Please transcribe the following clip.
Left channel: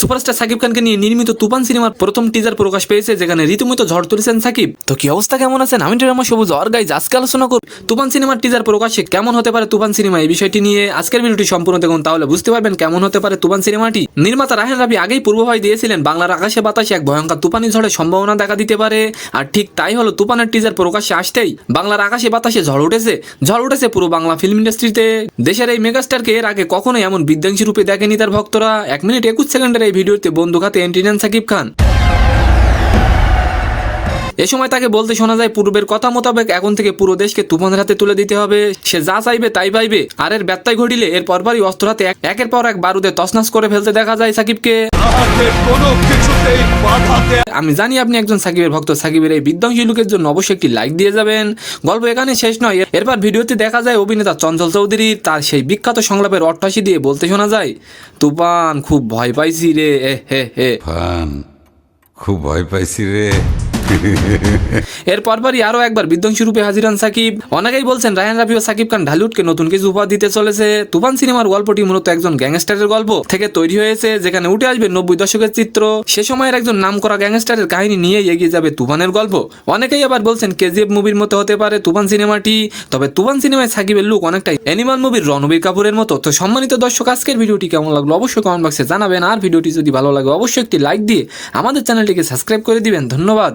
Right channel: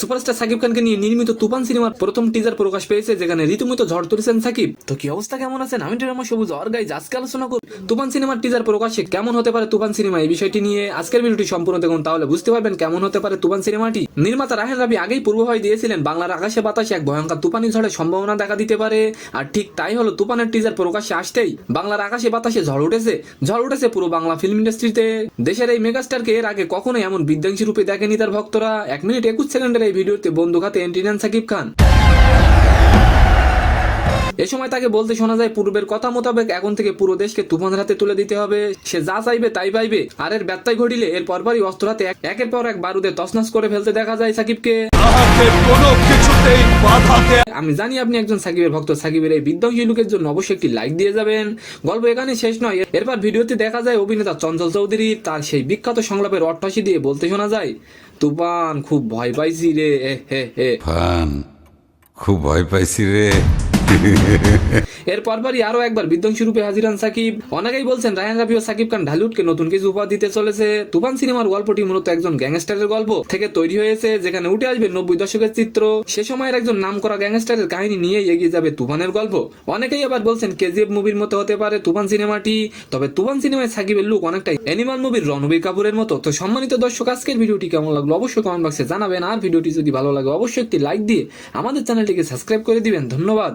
Superstar Shakib খানকে নিয়ে নির্মিত তুফান সিনেমার প্রথম টিজার প্রকাশ পেয়েছে, যেখানে রীতিমতো ঝড় তুলেছেন সাকিব। তো কি অবস্থা, কেমন আছেন? আমি রহমান সবুজ আর গাইজ আজকে আলোচনা করব তুফান সিনেমার টিজার প্রকাশে কেমন হতে পারে তুফান সিনেমা। এই বিষয়টি নিয়ে আজকের ভিডিওটি সম্পূর্ণ দেখুন, তাহলে বুঝতে পারবেন কেমন হতে পারে তুফান সিনেমাটি। নির্মাতা রায়হান রাফি আগেই পূর্বাভাস দিয়েছিলেন বাংলার আকাশে বাতাসে এক ভয়ঙ্কর তুফানি ঝড়ের সম্ভাবনা দেখা দিতে পারে, আর ঠিক তাই হলো। তুফানের টিজার প্রকাশ্যে আসতেই বাংলার আকাশে বাতাসে ঝড় উঠেছে পুরো বাংলা ফিল্ম ইন্ডাস্ট্রিতে। দেশের এই মেগাস্টারকে এর আগে কখনোই এমন বিধ্বংসী রূপে দেখেনি তার ভক্তরা। 1 মিনিট 21 সেকেন্ডের এই ভিডিওতে বন্দুক হাতে এন্ট্রি নেন সাকিব খান। এ সময় তাকে বলতে শোনা যায়, পূর্বের কথা মোতাবেক এখন থেকে পুরো দেশকে তুফানের হাতে তুলে দিতে হবে। সে যা চাইবে তাই পাইবে, আর এর ব্যত্যয় ঘটিলে এর পরপরই অস্ত্র হাতে একের পর এক বারুদে তছনছ করে ফেলতে দেখা যায় সাকিবকে। আমি জানি আপনি একজন সাকিবের ভক্ত। সাকিবের এই বিধ্বংসী লুকের জন্য অবশ্যই একটি লাইক দিয়ে যাবেন। গল্প এখানে শেষ নয়। এরপর ভিডিওতে দেখা যায় অভিনেতা চঞ্চল চৌধুরী তার সেই বিখ্যাত সংলাপের অট্টহাসি দিয়ে বলতে শোনা যায়, তুফান খুব ভয় পাইছি রে, খুব ভয় পাইছি রে। এর পরপরই আরো একবার বিধ্বংসী রূপে হাজির হন সাকিব। অনেকেই বলছেন রায়হান রাফি ও সাকিব খান ঢালিউডকে নতুন কিছু উপহার দিতে চলেছে। তুফান সিনেমার গল্পটি মূলত একজন গ্যাংস্টারের গল্প থেকে তৈরি হয়েছে, যেখানে উঠে আসবে 90 দশকের চিত্র। সে সময়ের একজন নামকরা গ্যাংস্টারের কাহিনী নিয়ে এগিয়ে যাবে তুফানের গল্প। অনেকেই আবার বলছেন কেজিএফ মুভির মতো হতে পারে তুফান সিনেমাটি। তবে তুফান সিনেমায় সাকিবের লুক অনেকটাই অ্যানিমাল মুভির রণবীর কাপুরের মতো। তো সম্মানিত দর্শক, আজকের ভিডিওটি কেমন লাগলো অবশ্যই কমেন্ট বক্সে জানাবেন, আর ভিডিওটি যদি ভালো লাগে অবশ্যই একটি লাইক দিয়ে আমাদের চ্যানেলটিকে সাবস্ক্রাইব করে দিবেন। ধন্যবাদ।